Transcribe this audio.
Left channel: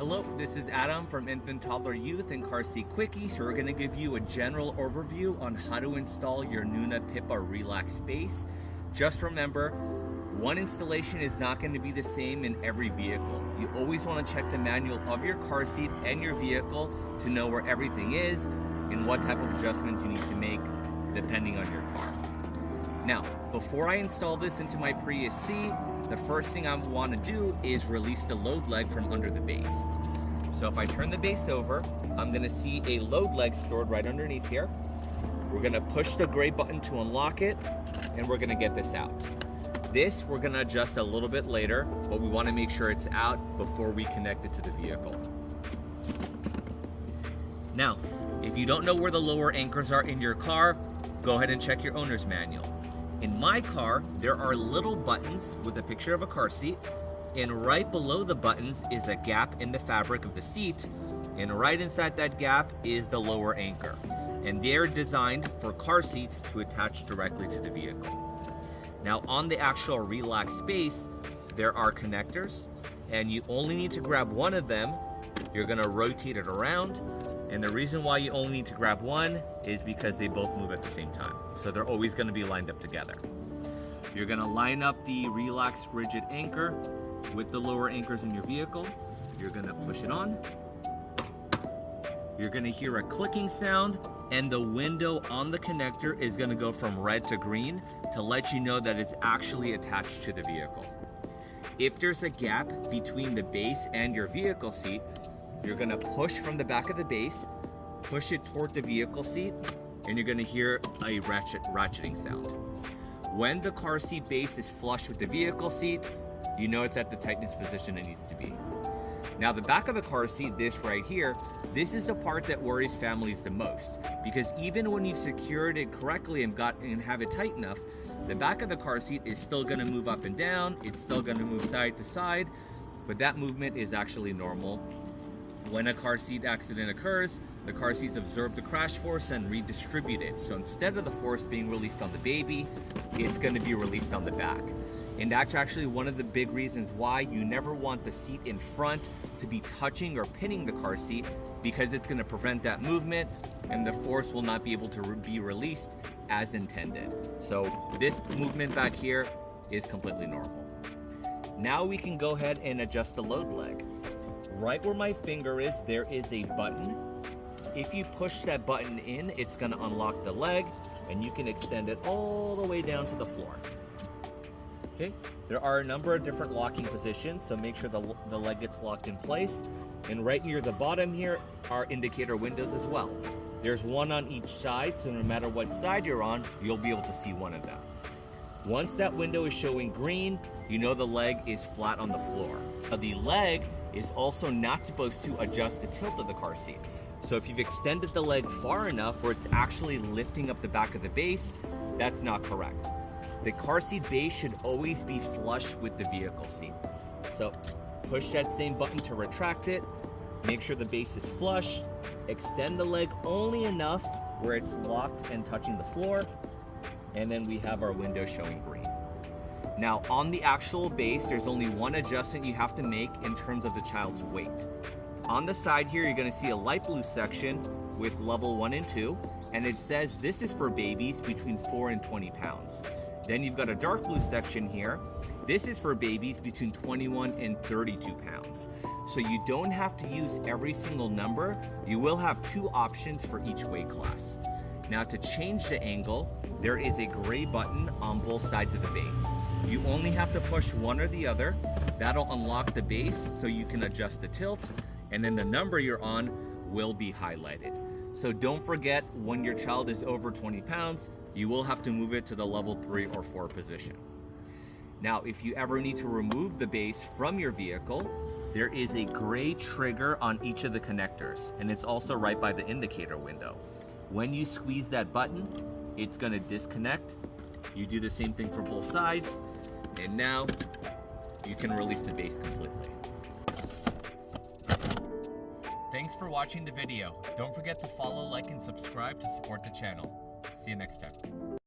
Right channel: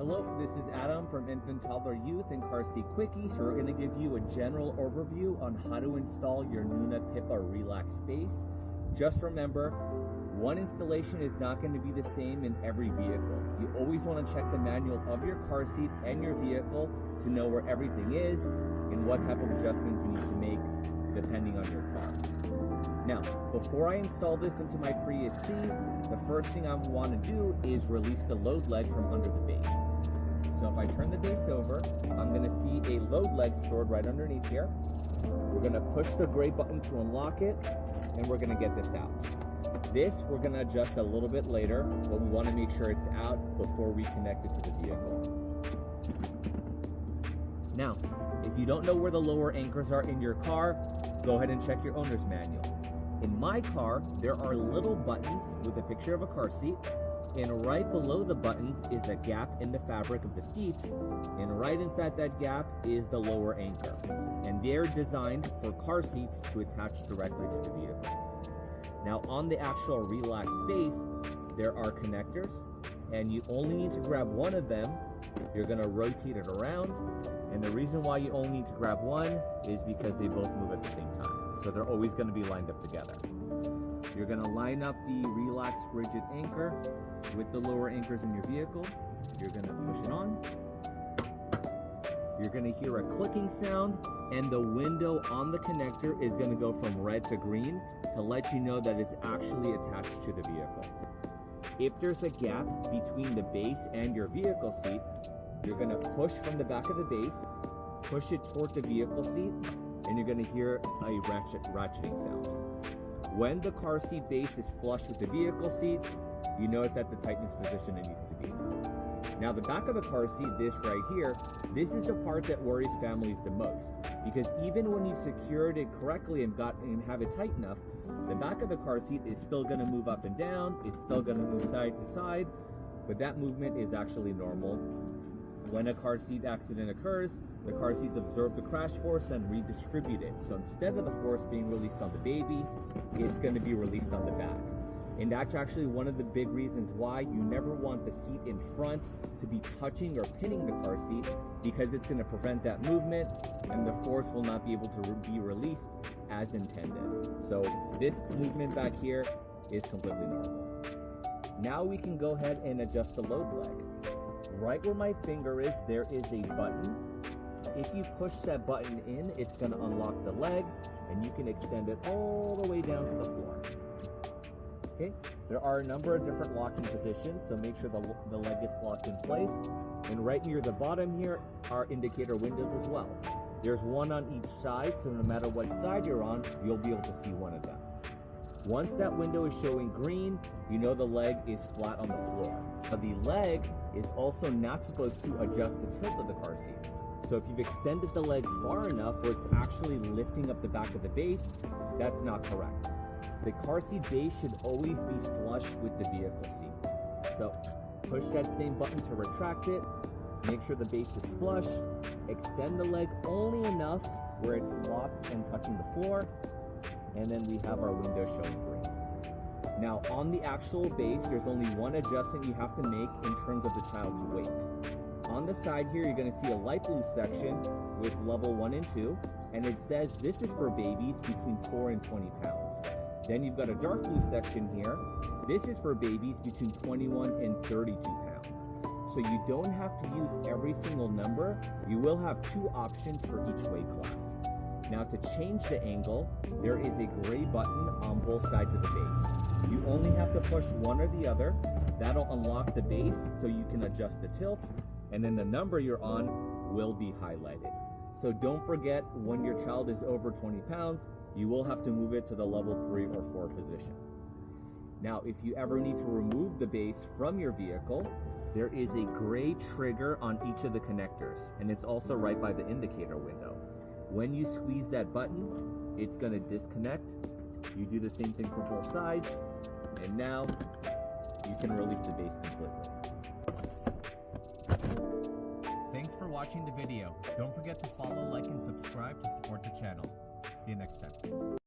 Hello, this is Adam from Infant, Toddler, Youth, and Car Seat Quickie. So we're going to give you a general overview on how to install your Nuna Pipa Relx Base. Just remember, one installation is not going to be the same in every vehicle. You always want to check the manual of your car seat and your vehicle to know where everything is and what type of adjustments you need to make depending on your car. Now, before I install this into my Prius C, the first thing I want to do is release the load leg from under the base. So if I turn the base over, I'm going to see a load leg stored right underneath here. We're going to push the gray button to unlock it, and we're going to get this out. This we're going to adjust a little bit later, but we want to make sure it's out before we connect it to the vehicle. Now, if you don't know where the lower anchors are in your car, go ahead and check your owner's manual. In my car, there are little buttons with a picture of a car seat, and right below the buttons is a gap in the fabric of the seat, and right inside that gap is the lower anchor. And they're designed for car seats to attach directly to the vehicle. Now on the actual Relx Base, there are connectors, and you only need to grab one of them. You're gonna rotate it around, and the reason why you only need to grab one is because they both move at the same time. So they're always gonna be lined up together. You're gonna line up the Relx rigid anchor with the lower anchors in your vehicle. You're gonna push it on. You're gonna hear a clicking sound, and the window on the connector is gonna go from red to green to let you know that it's actually attached to the vehicle. If there's a gap between the base and your vehicle seat, you're gonna push from the back of the base, push it toward the vehicle seat, and you're gonna hear a ratcheting sound. When the car seat base is flush with the vehicle seat, you know it's at the tightness position it needs to be. Now the back of the car seat, this right here, this is the part that worries families the most, because even when you've secured it correctly and have it tight enough, the back of the car seat is still gonna move up and down, it's still gonna move side to side, but that movement is actually normal. When a car seat accident occurs, the car seats absorb the crash force and redistribute it. So instead of the force being released on the baby, it's going to be released on the back. And that's actually one of the big reasons why you never want the seat in front to be touching or pinning the car seat, because it's going to prevent that movement and the force will not be able to be released as intended. So this movement back here is completely normal. Now we can go ahead and adjust the load leg. Right where my finger is, there is a button. If you push that button in, it's going to unlock the leg, and you can extend it all the way down to the floor. Okay, there are a number of different locking positions, so make sure the leg gets locked in place. And right near the bottom here are indicator windows as well. There's one on each side, so no matter what side you're on, you'll be able to see one of them. Once that window is showing green, you know the leg is flat on the floor. Now, the leg is also not supposed to adjust the tilt of the car seat. So if you've extended the leg far enough where it's actually lifting up the back of the base, that's not correct. The car seat base should always be flush with the vehicle seat. So push that same button to retract it, make sure the base is flush, extend the leg only enough where it's locked and touching the floor, and then we have our window showing green. Now on the actual base, there's only one adjustment you have to make in terms of the child's weight. On the side here, you're gonna see a light blue section with level 1 and 2, and it says this is for babies between 4 and 20 pounds. Then you've got a dark blue section here. This is for babies between 21 and 32 pounds. So you don't have to use every single number. You will have 2 options for each weight class. Now to change the angle, there is a gray button on both sides of the base. You only have to push one or the other. That'll unlock the base so you can adjust the tilt, and then the number you're on will be highlighted. So don't forget, when your child is over 20 pounds, you will have to move it to the level 3 or 4 position. Now, if you ever need to remove the base from your vehicle, there is a gray trigger on each of the connectors, and it's also right by the indicator window. When you squeeze that button, it's gonna disconnect. You do the same thing for both sides, and now you can release the base completely. Thanks for watching the video. Don't forget to follow, like, and subscribe to support the channel. See you next time.